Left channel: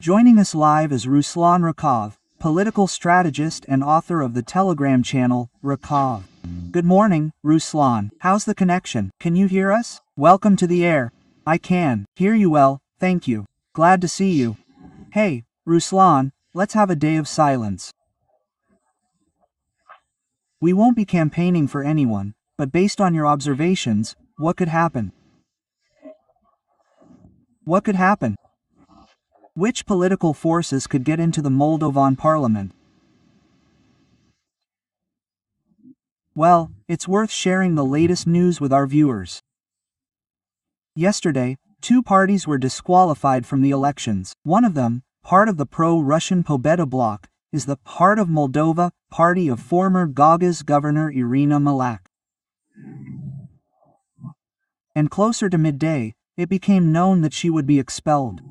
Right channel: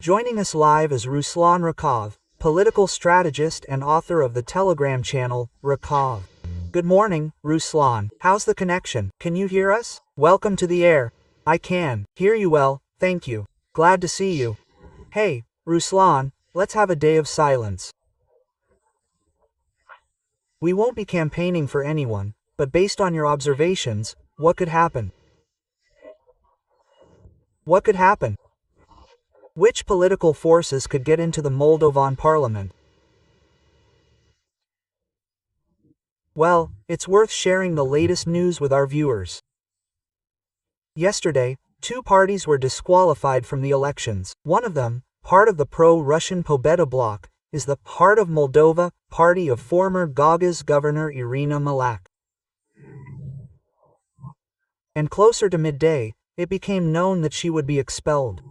Joining us live is Ruslan Rakov, political strategist and author of the Telegram channel, Rakov. Good morning, Ruslan. How's the connection? Can you hear us? Welcome to the air. I can hear you well, thank you. Glad to see you. Hey, Ruslan, let's have a day of silence. We won't be campaigning for anyone, but based on your observations, what could happen? What could happen? Which political forces could get into the Moldovan parliament? Well, it's worth sharing the latest news with our viewers. Yesterday, two parties were disqualified from the elections. One of them, part of the pro-Russian Pobeda bloc, is the Heart of Moldova party of former Gaugas governor Irina Malak. And closer to midday, it became known that she would be expelled.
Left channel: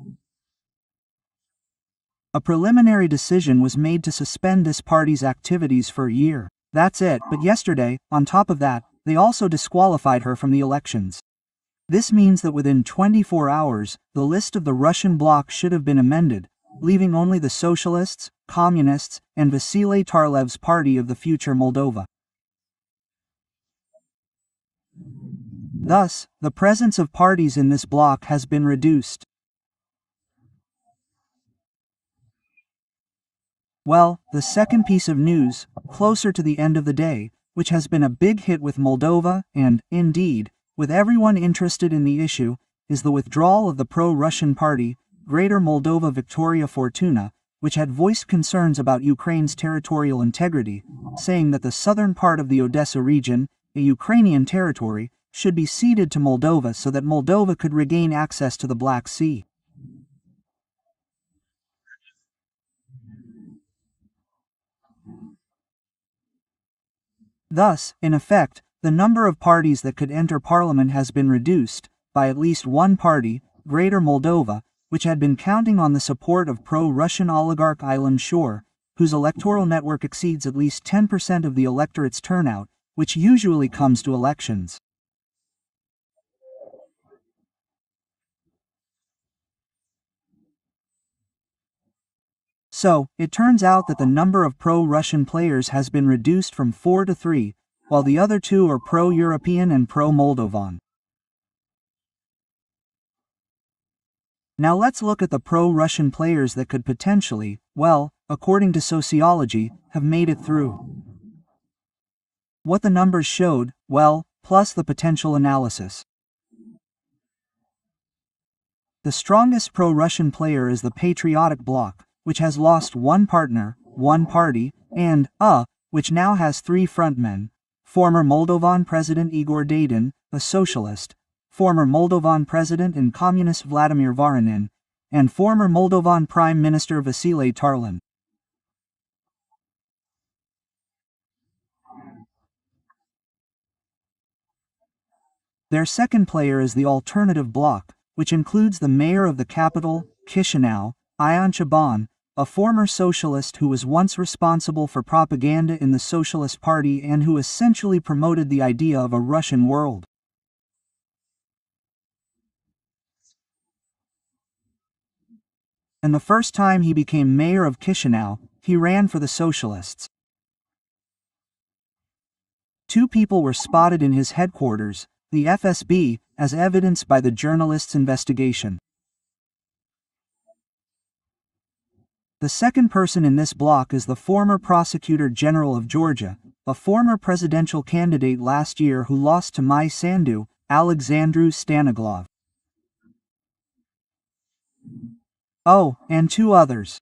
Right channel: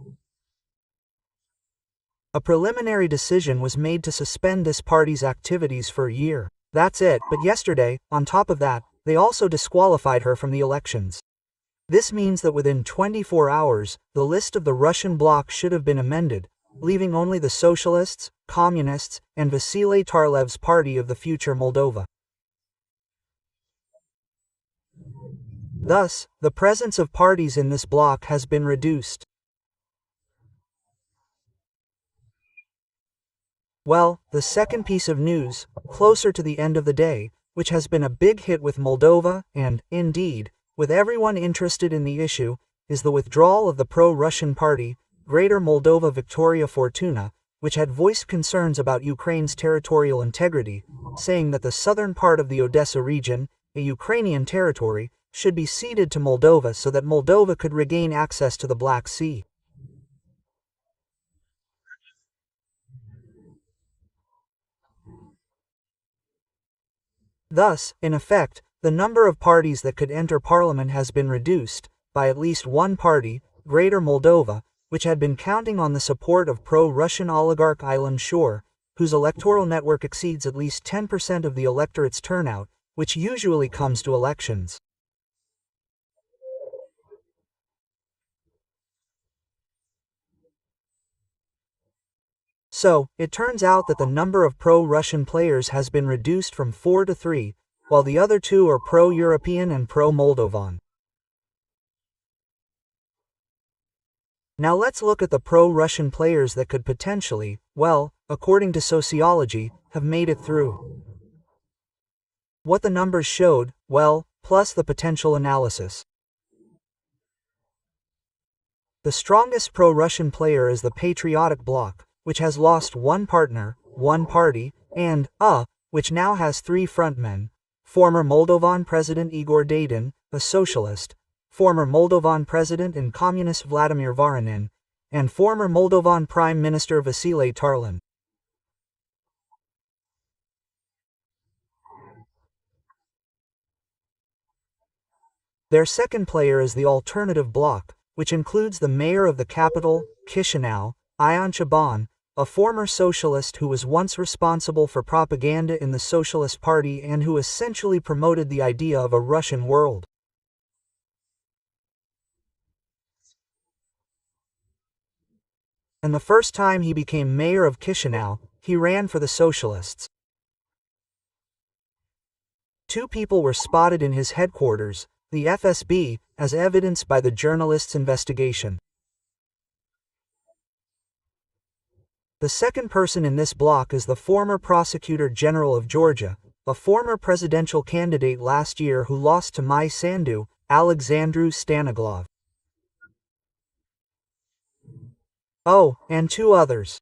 A preliminary decision was made to suspend this party's activities for a year. That's it, but yesterday, on top of that, they also disqualified her from the elections. This means that within 24 hours, the list of the Russian bloc should have been amended, leaving only the Socialists, Communists, and Vasile Tarlev's Party of the Future Moldova. Thus, the presence of parties in this bloc has been reduced. Well, the second piece of news, closer to the end of the day, which has been a big hit with Moldova, and, indeed, with everyone interested in the issue, is the withdrawal of the pro-Russian party, Greater Moldova Victoria Fortuna, which had voiced concerns about Ukraine's territorial integrity, saying that the southern part of the Odessa region, a Ukrainian territory, should be ceded to Moldova so that Moldova could regain access to the Black Sea. Thus, in effect, the number of parties that could enter parliament has been reduced, by at least one party, Greater Moldova, which had been counting on the support of pro-Russian oligarch Ilan Shor, whose electoral network exceeds at least 10% of the electorate's turnout, which usually comes to elections. So, it turns out that the number of pro-Russian players has been reduced from 4 to 3, while the other two are pro-European and pro-Moldovan. Now let's look at the pro-Russian players that could potentially, well, according to sociology, have made it through. What the numbers showed, well, plus the potential analysis. The strongest pro-Russian player is the Patriotic Bloc, which has lost one partner, one party, and, which now has three frontmen: former Moldovan President Igor Dayton, a socialist, former Moldovan President and Communist Vladimir Voronin, and former Moldovan Prime Minister Vasile Tarlan. Their second player is the Alternative Bloc, which includes the mayor of the capital, Chisinau, Ion Chaban, a former socialist who was once responsible for propaganda in the Socialist Party and who essentially promoted the idea of a Russian world. And the first time he became mayor of Chisinau, he ran for the Socialists. Two people were spotted in his headquarters, the FSB, as evidenced by the journalists' investigation. The second person in this bloc is the former Prosecutor General of Georgia, a former presidential candidate last year who lost to Mai Sandu, Alexandru Staniglov. Oh, and two others.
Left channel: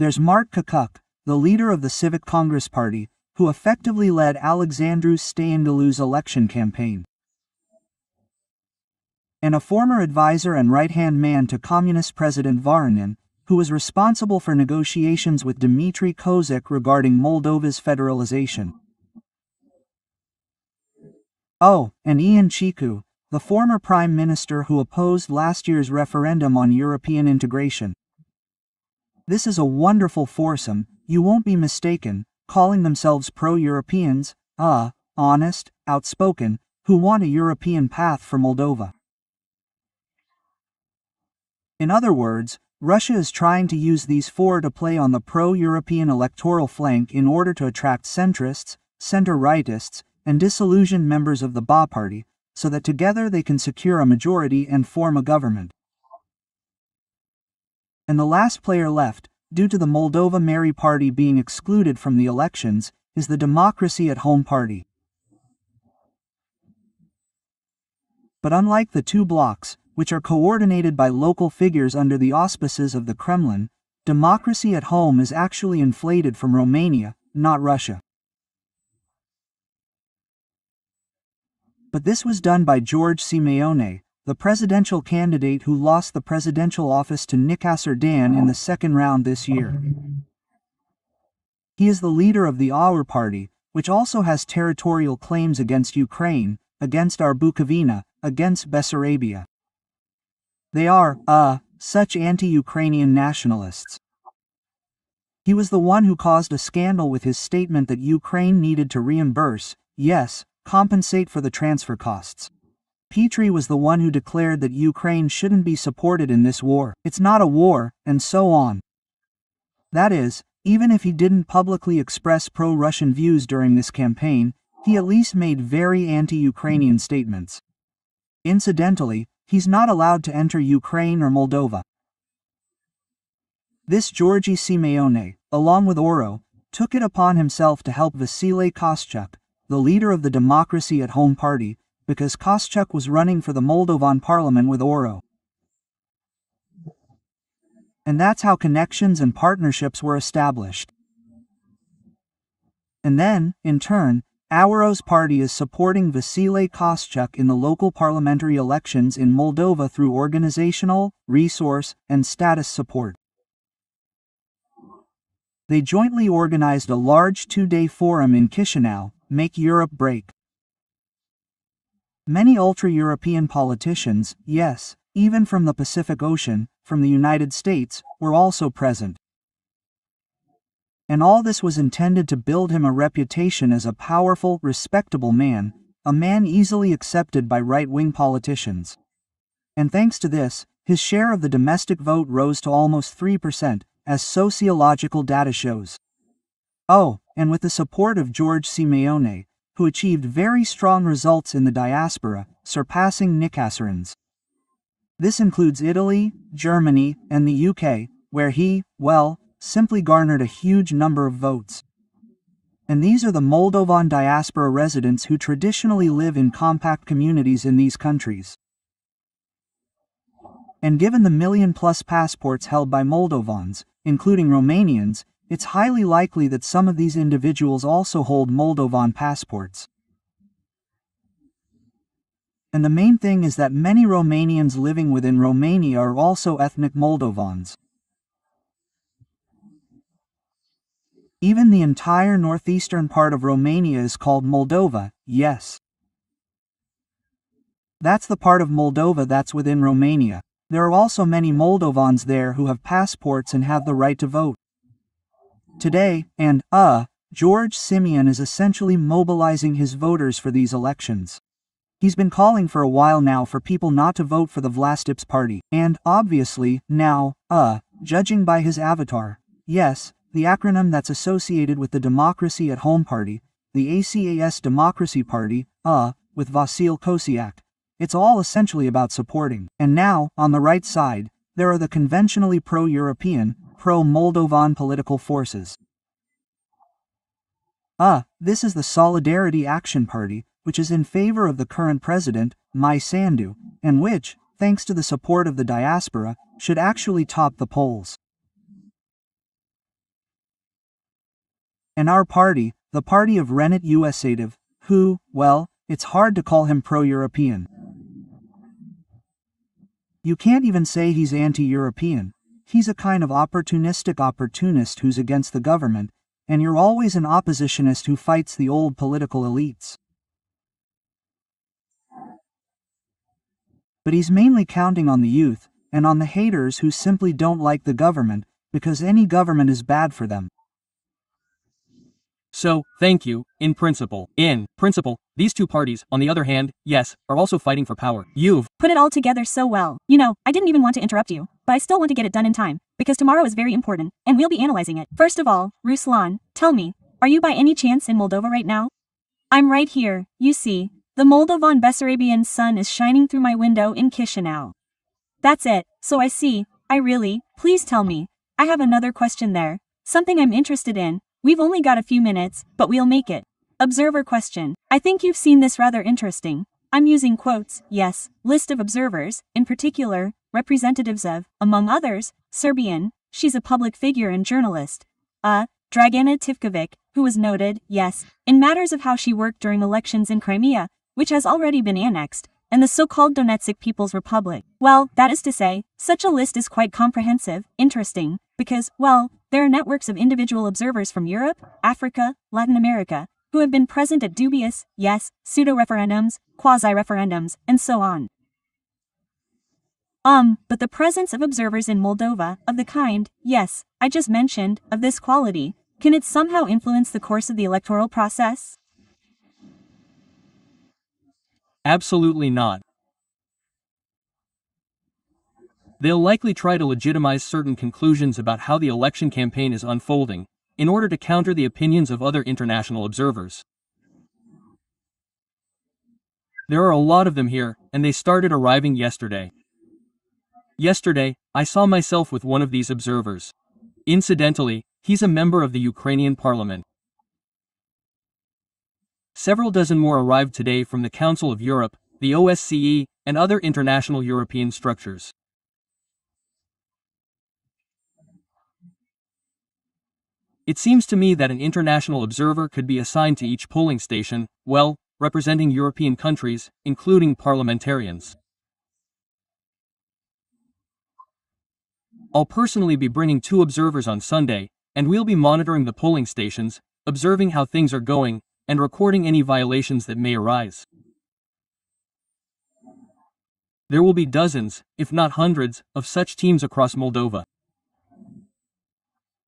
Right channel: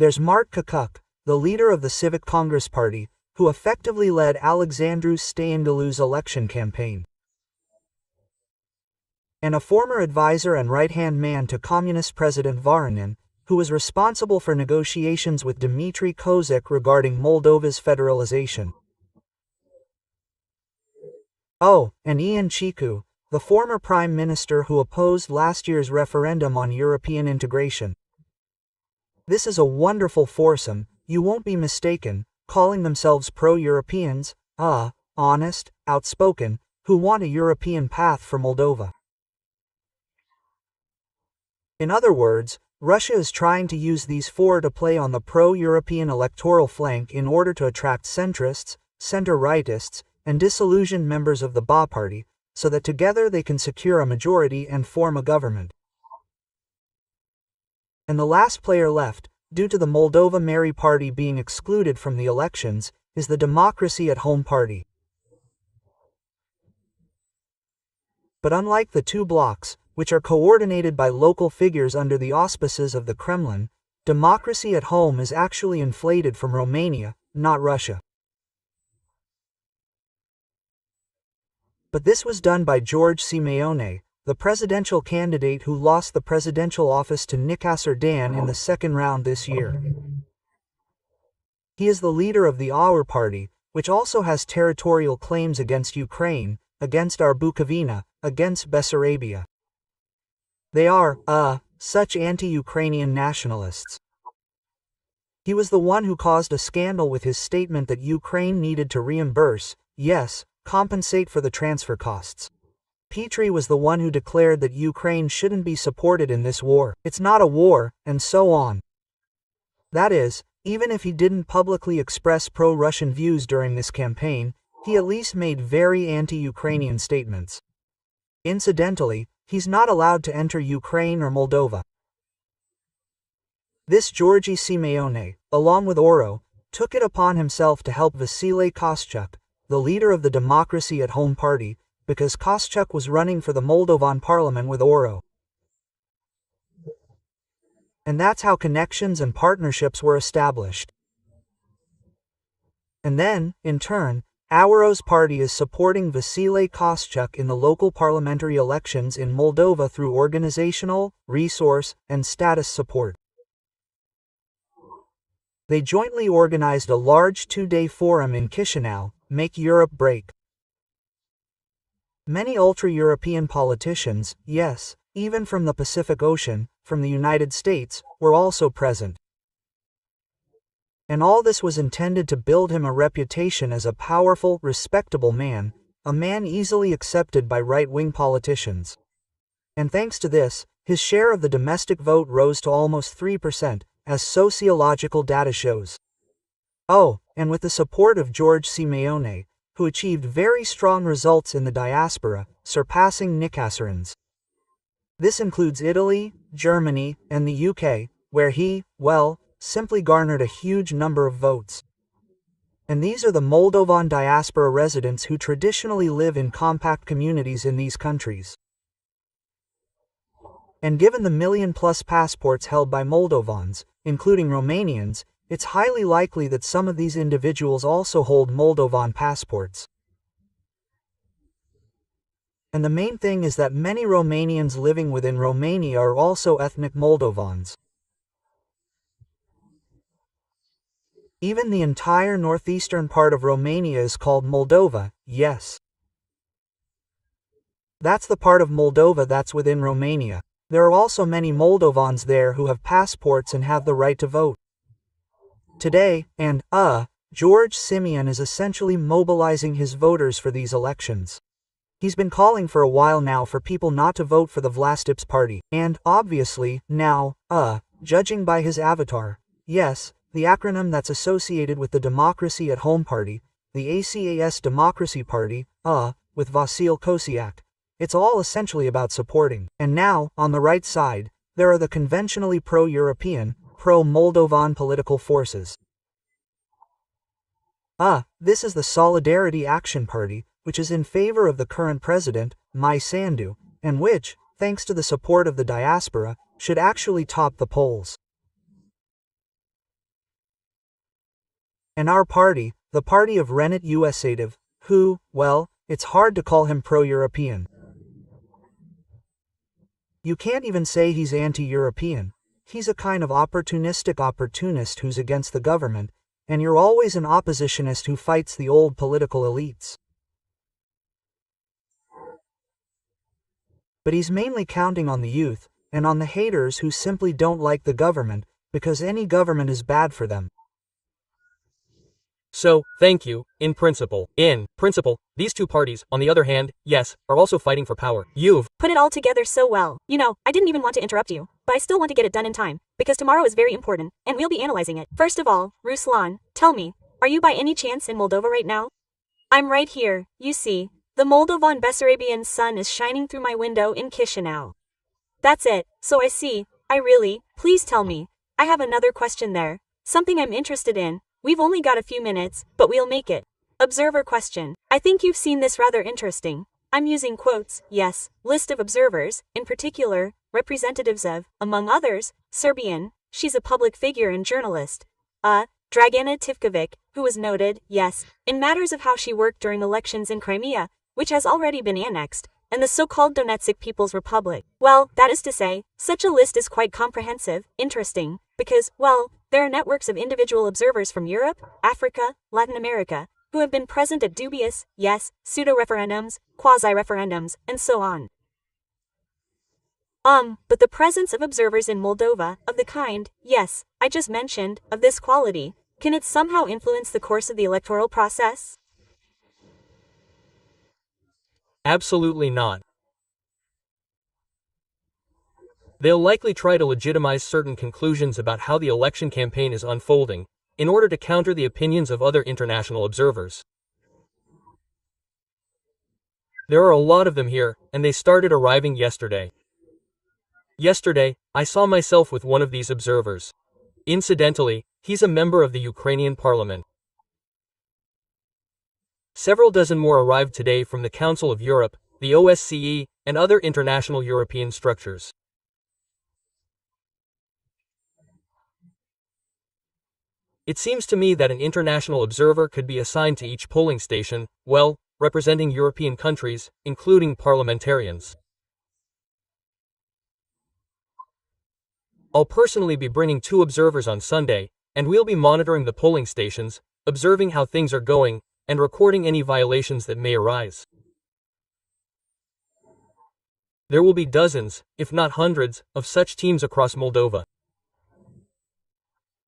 There's Mark Kakuk, the leader of the Civic Congress Party, who effectively led Alexandru Stanigalu's election campaign, and a former advisor and right-hand man to Communist President Voronin, who was responsible for negotiations with Dmitry Kozak regarding Moldova's federalization. Oh, and Ion Chicu, the former prime minister who opposed last year's referendum on European integration. This is a wonderful foursome, you won't be mistaken, calling themselves pro-Europeans, honest, outspoken, who want a European path for Moldova. In other words, Russia is trying to use these four to play on the pro-European electoral flank in order to attract centrists, center-rightists, and disillusioned members of the Ba party, so that together they can secure a majority and form a government. And the last player left, due to the Moldova Mary party being excluded from the elections, is the Democracy at Home party. But unlike the two blocs, which are coordinated by local figures under the auspices of the Kremlin, Democracy at Home is actually inflated from Romania, not Russia. But this was done by George Simeone, the presidential candidate who lost the presidential office to Nicășor Dan in the second round this year. He is the leader of the AUR party, which also has territorial claims against Ukraine, against our Bukovina, against Bessarabia. They are, such anti-Ukrainian nationalists. He was the one who caused a scandal with his statement that Ukraine needed to reimburse, yes, compensate for the transfer costs. Petri was the one who declared that Ukraine shouldn't be supported in this war. It's not a war, and so on. That is, even if he didn't publicly express pro-Russian views during this campaign, he at least made very anti-Ukrainian statements. Incidentally, he's not allowed to enter Ukraine or Moldova. This Georgy Simeone, along with Oro, took it upon himself to help Vasile Koschuk, the leader of the Democracy at Home party, because Koschuk was running for the Moldovan parliament with Oro. And that's how connections and partnerships were established. And then, in turn, Auro's party is supporting Vasile Koschuk in the local parliamentary elections in Moldova through organizational, resource, and status support. They jointly organized a large two-day forum in Chisinau, Make Europe Break. Many ultra-European politicians, yes, even from the Pacific Ocean, from the United States, were also present. And all this was intended to build him a reputation as a powerful, respectable man, a man easily accepted by right-wing politicians. And thanks to this, his share of the domestic vote rose to almost 3%, as sociological data shows. Oh, and with the support of George Simeone, who achieved very strong results in the diaspora, surpassing Nicășorans. This includes Italy, Germany, and the UK, where he, well, simply garnered a huge number of votes. And these are the Moldovan diaspora residents who traditionally live in compact communities in these countries. And given the million-plus passports held by Moldovans, including Romanians, it's highly likely that some of these individuals also hold Moldovan passports. And the main thing is that many Romanians living within Romania are also ethnic Moldovans. Even the entire northeastern part of Romania is called Moldova, yes. That's the part of Moldova that's within Romania. There are also many Moldovans there who have passports and have the right to vote. Today, George Simeon is essentially mobilizing his voters for these elections. He's been calling for a while now for people not to vote for the Vlastips party, and, obviously, now, judging by his avatar, yes, the acronym that's associated with the Democracy at Home party, the ACAS Democracy Party, with Vasile Kosiak. It's all essentially about supporting. And now, on the right side, there are the conventionally pro-European, pro-Moldovan political forces. This is the Solidarity Action Party, which is in favor of the current president, Mai Sandu, and which, thanks to the support of the diaspora, should actually top the polls. And our party, the party of Renat Usativ, who, well, it's hard to call him pro-European. You can't even say he's anti-European. He's a kind of opportunistic opportunist who's against the government, and you're always an oppositionist who fights the old political elites. But he's mainly counting on the youth, and on the haters who simply don't like the government, because any government is bad for them. So, thank you, in principle. In principle, these two parties, on the other hand, yes, are also fighting for power. You've put it all together so well. You know, I didn't even want to interrupt you. but I still want to get it done in time, because tomorrow is very important, and we'll be analyzing it. First of all, Ruslan, tell me, are you by any chance in Moldova right now? I'm right here, you see. The Moldovan Bessarabian sun is shining through my window in Chisinau. That's it, so I see, please tell me. I have another question there. Something I'm interested in. We've only got a few minutes, but we'll make it. Observer question. I think you've seen this rather interesting. I'm using quotes, yes, list of observers, in particular, representatives of, among others, Serbian, she's a public figure and journalist. Dragana Tivkovic, who was noted, yes, in matters of how she worked during elections in Crimea, which has already been annexed, and the so-called Donetsk People's Republic. Well, that is to say, such a list is quite comprehensive, interesting, because, well, there are networks of individual observers from Europe, Africa, Latin America, who have been present at dubious, yes, pseudo-referendums, quasi-referendums, and so on. But the presence of observers in Moldova, of the kind, yes, I just mentioned, of this quality, can it somehow influence the course of the electoral process? Absolutely not. They'll likely try to legitimize certain conclusions about how the election campaign is unfolding, in order to counter the opinions of other international observers. There are a lot of them here, and they started arriving yesterday. Yesterday, I saw myself with one of these observers. Incidentally, he's a member of the Ukrainian parliament. Several dozen more arrived today from the Council of Europe, the OSCE, and other international European structures. It seems to me that an international observer could be assigned to each polling station, well, representing European countries, including parliamentarians. I'll personally be bringing 2 observers on Sunday, and we'll be monitoring the polling stations, observing how things are going, and recording any violations that may arise. There will be dozens, if not hundreds, of such teams across Moldova.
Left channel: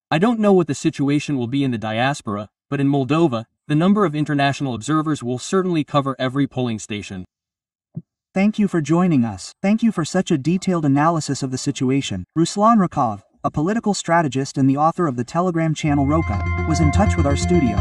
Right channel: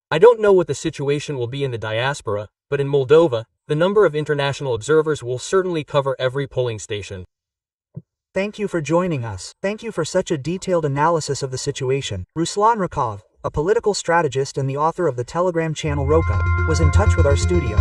I don't know what the situation will be in the diaspora, but in Moldova, the number of international observers will certainly cover every polling station. Thank you for joining us. Thank you for such a detailed analysis of the situation. Ruslan Rakov, a political strategist and the author of the Telegram channel Roka, was in touch with our studio.